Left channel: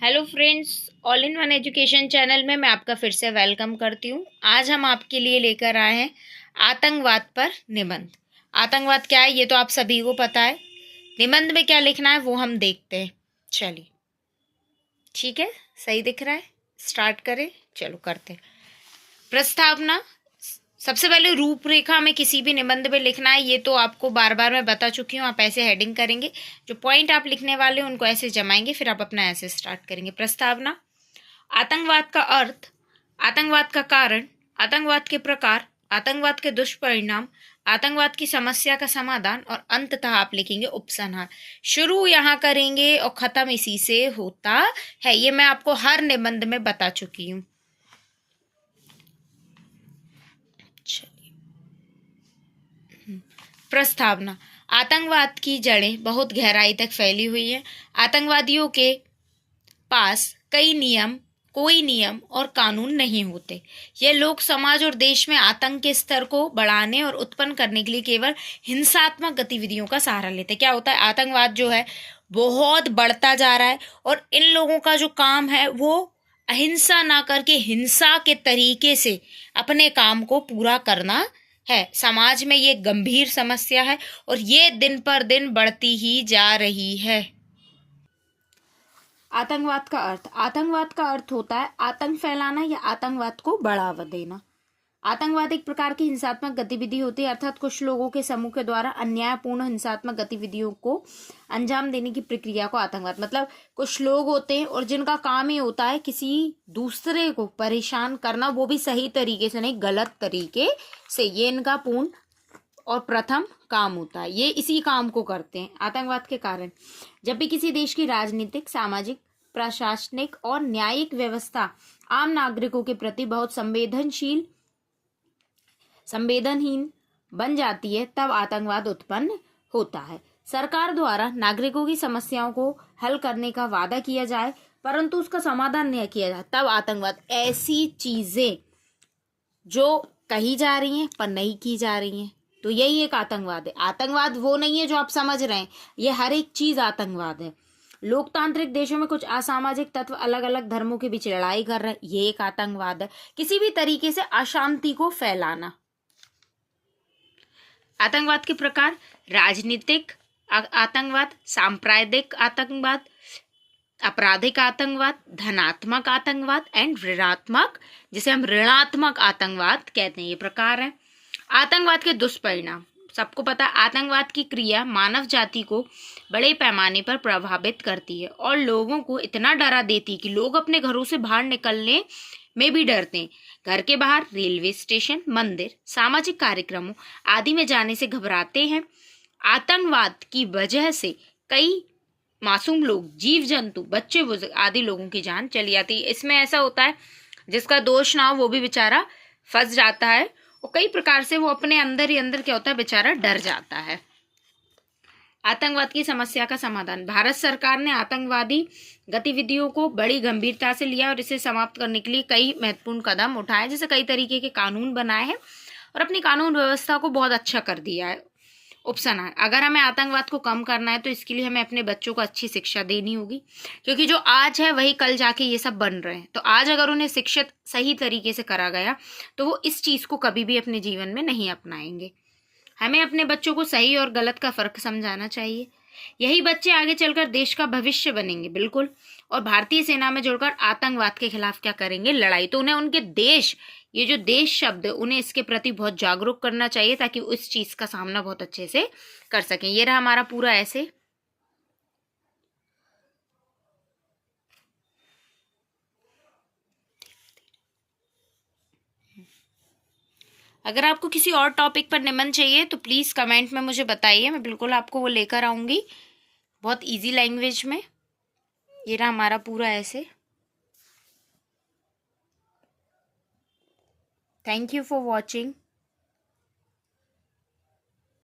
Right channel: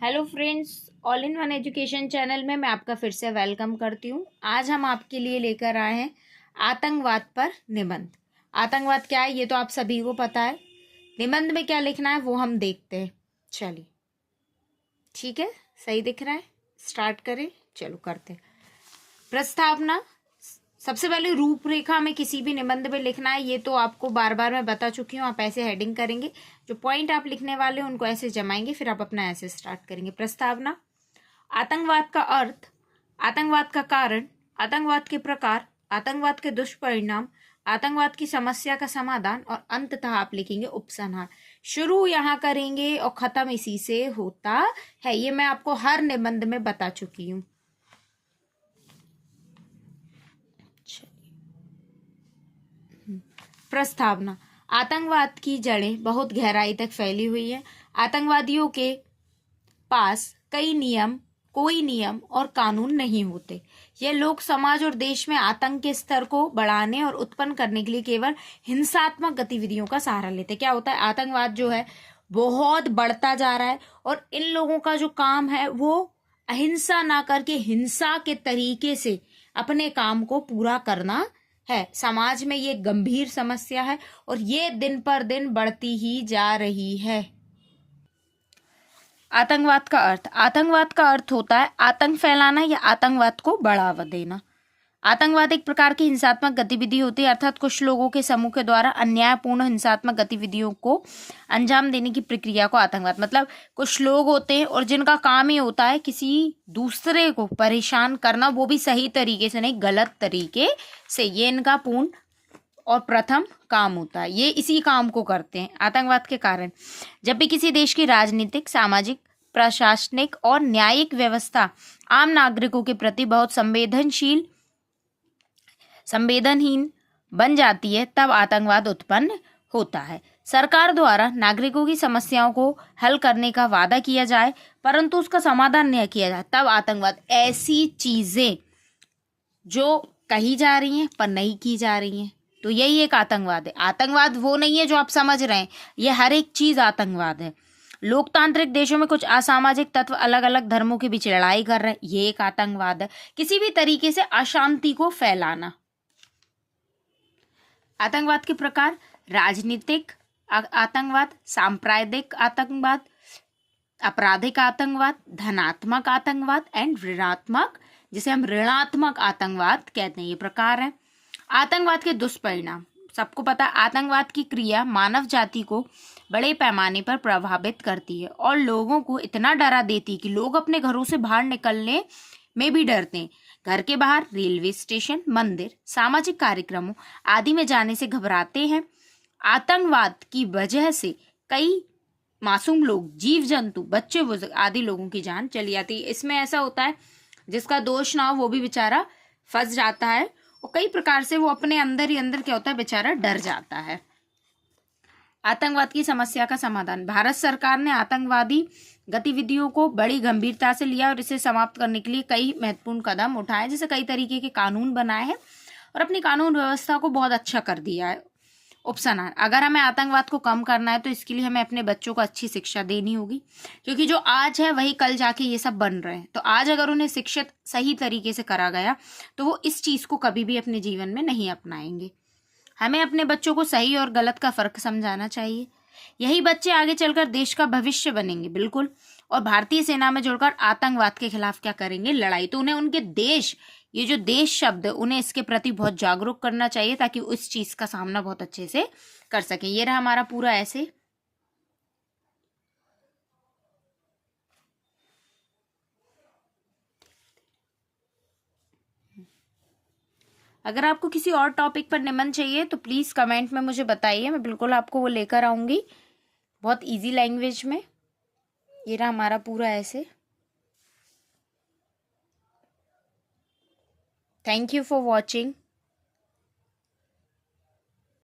Hello friends, all in one education channel में मैं आपका फिर से वेलकम करती हूँ। आज हम आपके लिए लेकर आए हैं आतंकवाद पर निबंध। आतंकवाद क्या है ये तो आप सभी को पता है। निबंध में क्या लिखना है वो हम देखते हैं। चलिए, ठीक है, सही दिख रहा है, स्टार्ट करें। चलो करते हैं। प्रस्तावना। सबसे पहले रूपरेखा में किसी भी निबंध में लिखना है, ये तो आपको बार बार मैं बता चुकी हूँ। आप ऐसे हेडिंग करेंगे, जो पॉइंट आप लिखने वाले हैं उनको ऐसे जमाएंगे, फिर आप अपना ऐसे स्टार्ट करेंगे। प्रस्तावना। आतंकवाद का अर्थ, आतंकवाद का कारण, आतंकवाद के प्रकार, आतंकवाद के दुष्परिणाम, आतंकवाद की समस्या का समाधान और अंततः आप लिखेंगे उपसंहार। शुरू यहाँ करेंगे और खत्म इसी से होता है। ये मैं आपको हर निबंध में बता चुकी हूँ। प्रस्तावना। आतंकवाद की जड़ें बहुत गहराई तक फैली हुई हैं। आतंकवादियों के पास कोई नियम और कानून नहीं होते। यह लोग समाज और देश में आतंक के स्तर को बढ़ाने और उत्पन्न करने के लिए केवल हिंसात्मक गतिविधियों का सहारा लेते। क्या होता है, आतंकवाद जो है बहुत बढ़ता जा रहा है और इन लोगों का जो काम है वो अहिंसा ना करके हिंसा के तरीके से अपने काम को पूरा करना है। समाज में ये गंभीर समस्या है और ये दिन पर दिन बढ़ती ही जा रही है। आतंकवाद का अर्थ, आतंकवाद का अर्थ होता है आतंक फैलाना या आतंकवाद को बढ़ावा देना। आतंकवाद एक प्रकार की हिंसात्मक गतिविधि होती है, अर्थात कुछ लोगों के समूह के द्वारा अन्यायपूर्ण हिंसात्मक गतिविधियों को अंजाम देने की प्रक्रिया को आतंकवाद, मतलब कुछ लोग होते हैं और जिनका काम ही होता है किसी दूसरे को परेशान करना, वो भी सही तरीके से नहीं, गलत तरीके से। ये इनका पूर्ण और प्रथम काम होता है, ये इसी काम को करते हैं। आतंकवाद के कारण, जब भी किसी देश की राजनीतिक, सामाजिक, प्रशासनिक और न्यायिक व्यवस्था आम नागरिकों के प्रति बहुत संवेदनहीन बन जाती है, तब आतंकवाद उत्पन्न होता है। सरकार द्वारा नागरिकों की समस्याओं को हल करने का वादा किया जाए परंतु उसका समाधान नहीं किया जाए, तब आतंकवाद। ऐसी चीजें जो कही जा रही हैं पर नहीं की जा रही हैं, तो यही एक आतंकवाद है। आतंकवाद वो नहीं है जो आप समझ रहे हैं, ये हर एक चीज आतंकवाद है। लोकतांत्रिक देशों में कुछ असामाजिक तत्व अलग अलग धर्मों के बीच लड़ाई कर रहे हैं, ये एक आतंकवाद है। किसी भी तरीके से अशांति को फैलाना। आतंकवाद के प्रकार, राजनीतिक आतंकवाद, सांप्रदायिक आतंकवाद, आपराधिक आतंकवाद, धनात्मक आतंकवाद एंड ऋणात्मक, जिसे हम ऋणात्मक आतंकवाद कहते हैं, ये प्रकार है। आतंकवाद के दुष्परिणाम, सबको पता, आतंकवाद की क्रिया मानव जाति को बड़े पैमाने पर प्रभावित करती है और लोगों को इतना डरा देती है कि लोग अपने घरों से बाहर निकलने में भी डरते हैं। घर के बाहर, रेलवे स्टेशन, मंदिर, सामाजिक कार्यक्रमों आदि में जाने से घबराते हैं। आतंकवाद की वजह से कई मासूम लोग, जीव जंतु, बच्चे, बुजुर्ग आदि लोगों की जान चली जाती है। इसमें ऐसा होता है जिसका दोष ना हो वो भी बेचारा फंस जाता है और कई प्रकार से वो अपने अंदर ही अंदर क्या होता है, बेचारा डर जाता है। आतंकवाद की समस्या का समाधान, भारत सरकार ने आतंकवादी गतिविधियों को बड़ी गंभीरता से लिया और इसे समाप्त करने के लिए कई महत्वपूर्ण कदम उठाए, जैसे कई तरीके के कानून बनाए हैं और अपनी कानून व्यवस्था को बहुत अच्छा कर दिया है। उपसंहार, अगर हमें आतंकवाद को कम करना है तो इसके लिए हमें अपने बच्चों को अच्छी शिक्षा देनी होगी, क्योंकि जो आज है वही कल जाके ये सब बन रहे हैं। तो आज अगर उन्हें शिक्षित सही तरीके से करा गया तो वो इस चीज़ को कभी भी अपने जीवन में नहीं अपनाएंगे। हमें अपने बच्चों को सही और गलत का फर्क समझाना चाहिए, यही बच्चे आगे चलकर देश का भविष्य बनेंगे। बिल्कुल। और भारतीय सेना में जुड़कर आतंकवाद के खिलाफ क्या करेंगे, लड़ाई। तो उन्हें उनके देश, ये जो देश शब्द है, उन्हें इसके प्रति बहुत जागरूक करना चाहिए ताकि वो इस चीज का सामना बहुत अच्छे से कर सकें। ये रहा हमारा पूरा ऐसे। अगर आपको किसी और टॉपिक पर निबंध चाहिए तो प्लीज़ कमेंट में मुझे बताइए, मैं बिल्कुल आपको वो लेकर आऊँगी बहुत इजी लैंग्वेज में। ये रहा हमारा पूरा ऐसे। Thank you for watching.